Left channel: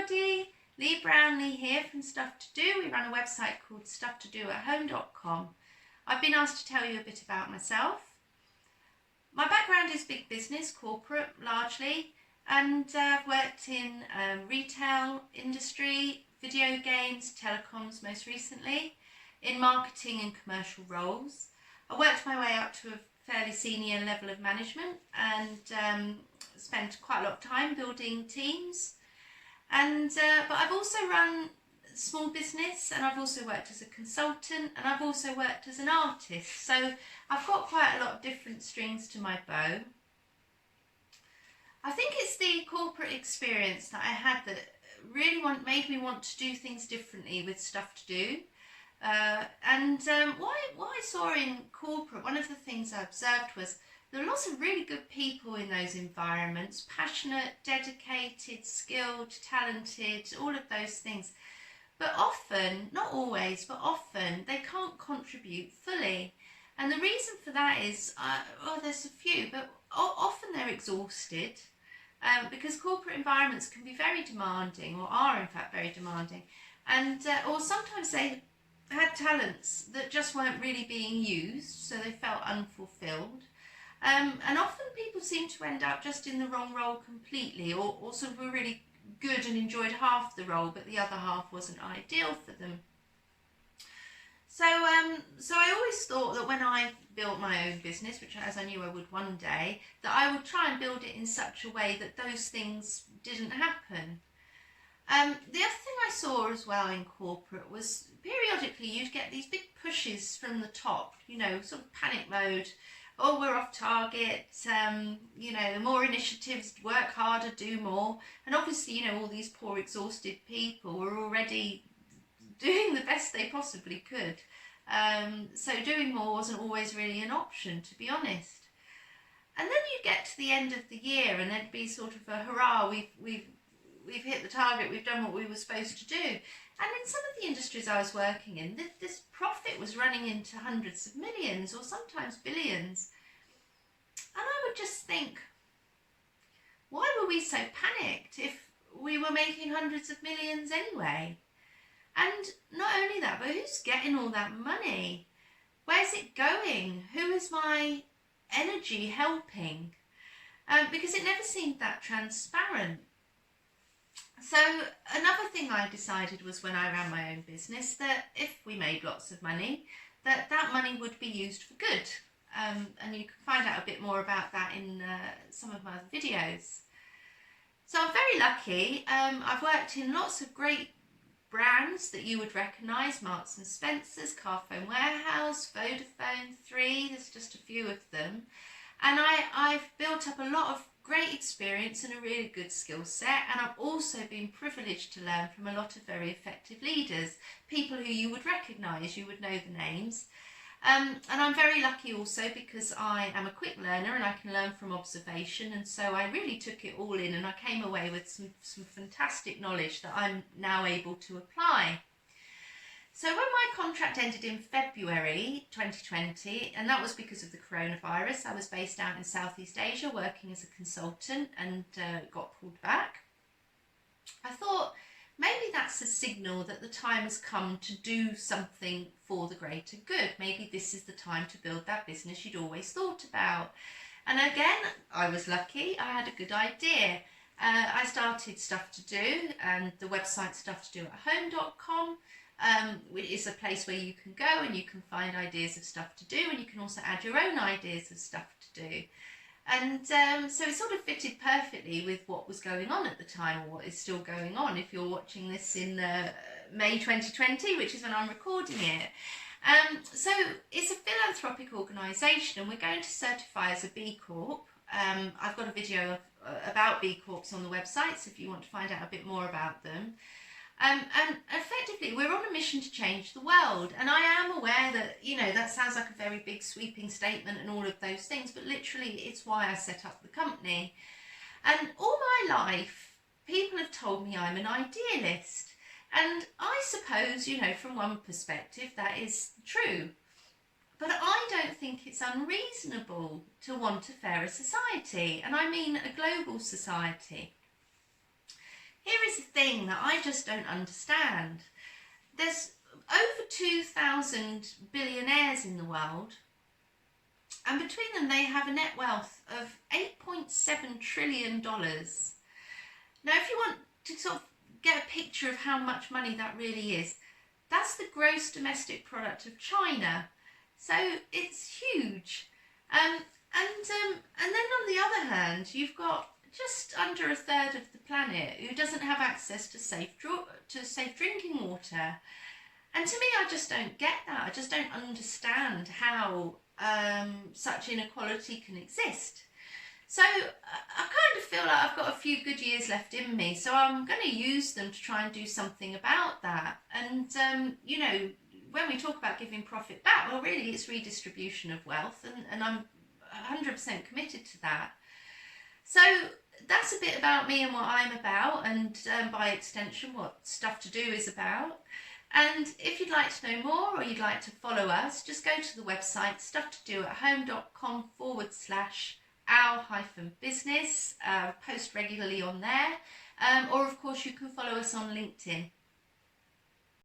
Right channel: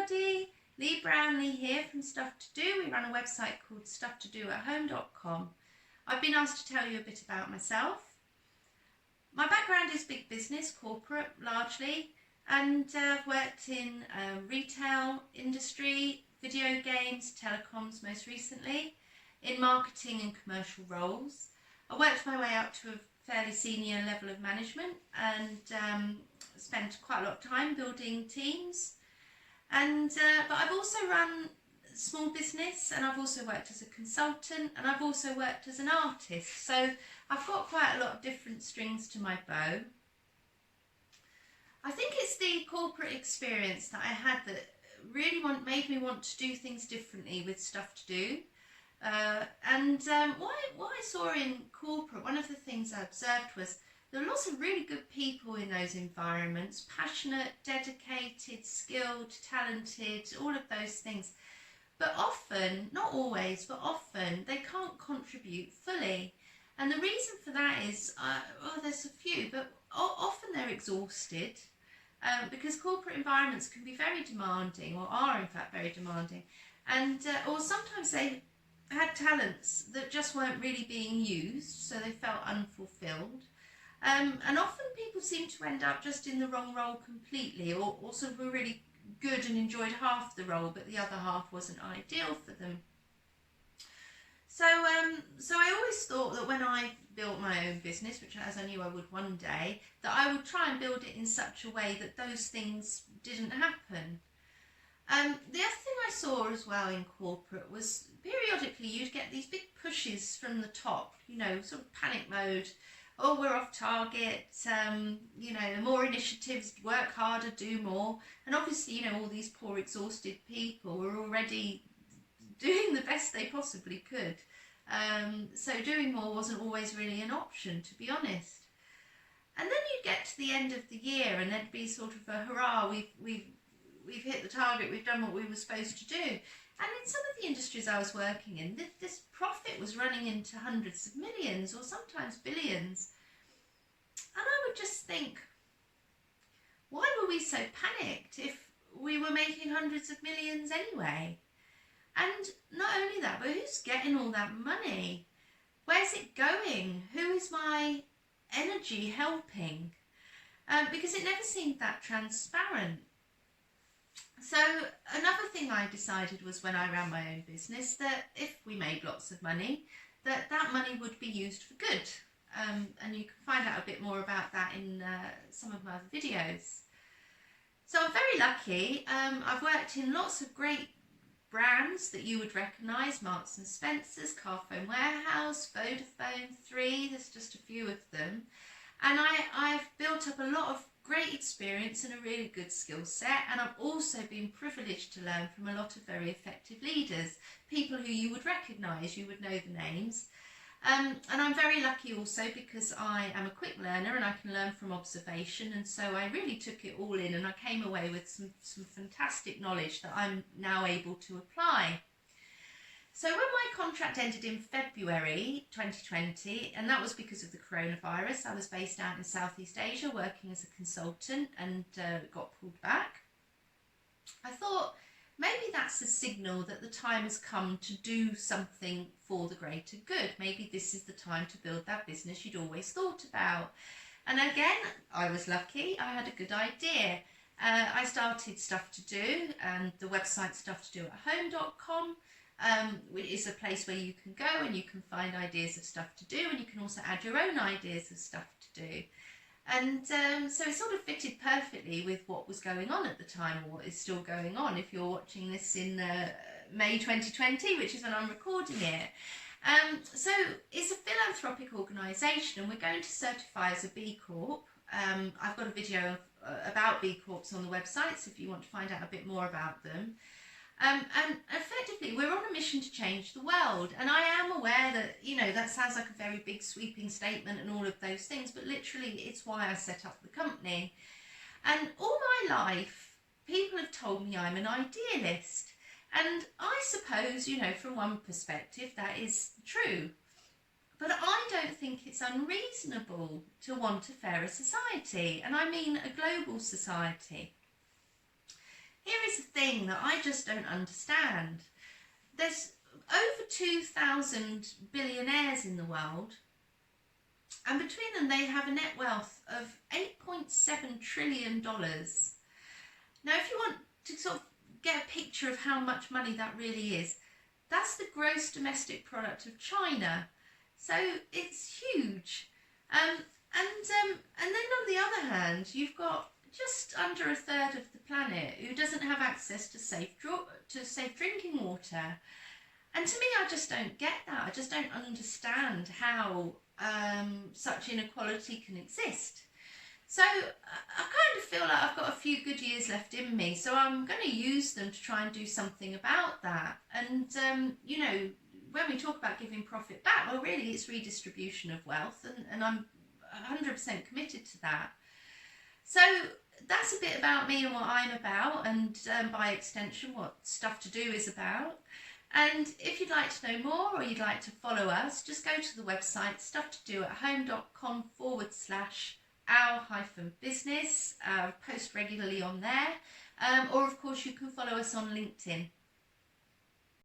everybody, Leigh Brownlee here from Stuff To Do. We run a website called StuffToDoAtHome.com. I've been asked to tell you a bit about myself. My background is big business, corporate largely, and I've worked in retail industry, video games, telecoms most recently, in marketing and commercial roles. I worked my way up to a fairly senior level of management and spent quite a lot of time building teams. But I've also run small business, and I've also worked as a consultant, and I've also worked as an artist. So I've got quite a lot of different strings to my bow. I think it's the corporate experience that I had that really made me want to do things differently with Stuff To Do. What I saw in corporate, one of the things I observed was there are lots of really good people in those environments, passionate, dedicated, skilled, talented, all of those things. But often, not always, but often, they can't contribute fully. And the reason for that is, there's a few, but often they're exhausted because corporate environments can be very demanding, or are in fact very demanding. Or sometimes they had talents that just weren't really being used, so they felt unfulfilled. And often people seem to end up just in the wrong role completely, or sort of were really good and enjoyed half the role, but the other half wasn't ideal for them. So I always thought that when I built my own business, which as I knew I would one day, that I would try and build it in such a way that those things didn't happen. The other thing I saw as well in corporate was periodically you'd get these big pushes from the top, sort of panic mode. Oh, we're off target, more initiatives, work harder, do more. And obviously, all these poor exhausted people were already doing the best they possibly could. So doing more wasn't always really an option, to be honest. And then you get to the end of the year and there'd be sort of a hurrah, we've hit the target, we've done what we were supposed to do. And in some of the industries I was working in, this profit was running into hundreds of millions or sometimes billions. And I would just think, why were we so panicked if we were making hundreds of millions anyway? And not only that, but who's getting all that money? Where's it going? Who is my energy helping? Because it never seemed that transparent. So another thing I decided was when I ran my own business that if we made lots of money, that money would be used for good. And you can find out a bit more about that in some of my other videos. So I'm very lucky. I've worked in lots of great brands that you would recognise, Marks and Spencer's, Carphone Warehouse, Vodafone, 3, there's just a few of them. And I've built up a lot of great experience and a really good skill set, and I've also been privileged to learn from a lot of very effective leaders, people who you would recognise, you would know the names. And I'm very lucky also because I am a quick learner and I can learn from observation, and so I really took it all in and I came away with some fantastic knowledge that I'm now able to apply. So when my contract ended in February 2020, and that was because of the coronavirus, I was based out in Southeast Asia working as a consultant and got pulled back. I thought maybe that's a signal that the time has come to do something for the greater good. Maybe this is the time to build that business you'd always thought about. And again, I was lucky, I had a good idea. I started Stuff To Do, and the website StuffToDoAtHome.com. Which is a place where you can go and you can find ideas of stuff to do, and you can also add your own ideas of stuff to do. And so it sort of fitted perfectly with what was going on at the time, or what is still going on if you're watching this in May 2020, which is when I'm recording it. So it's a philanthropic organisation, and we're going to certify as a B Corp. I've got a video about B Corps on the website, so if you want to find out a bit more about them. And effectively, we're on a mission to change the world. And I am aware that, that sounds like a very big sweeping statement and all of those things, but literally it's why I set up the company. And all my life, people have told me I'm an idealist. And I suppose, from one perspective, that is true. But I don't think it's unreasonable to want a fairer society. And I mean a global society. Here is the thing that I just don't understand. There's over 2,000 billionaires in the world, and between them they have a net wealth of $8.7 trillion. Now, if you want to sort of get a picture of how much money that really is, that's the gross domestic product of China. So it's huge. And then on the other hand, you've got just under a third of the planet who doesn't have access to safe drinking water. And to me, I just don't get that. I just don't understand how such inequality can exist. So I kind of feel like I've got a few good years left in me, so I'm going to use them to try and do something about that. And, you know, when we talk about giving profit back, well, really it's redistribution of wealth, and I'm 100% committed to that. So that's a bit about me and what I'm about, and by extension what Stuff To Do is about. And if you'd like to know more, or you'd like to follow us, just go to the website stufftodoathome.com/our-business. Post regularly on there, or of course you can follow us on LinkedIn.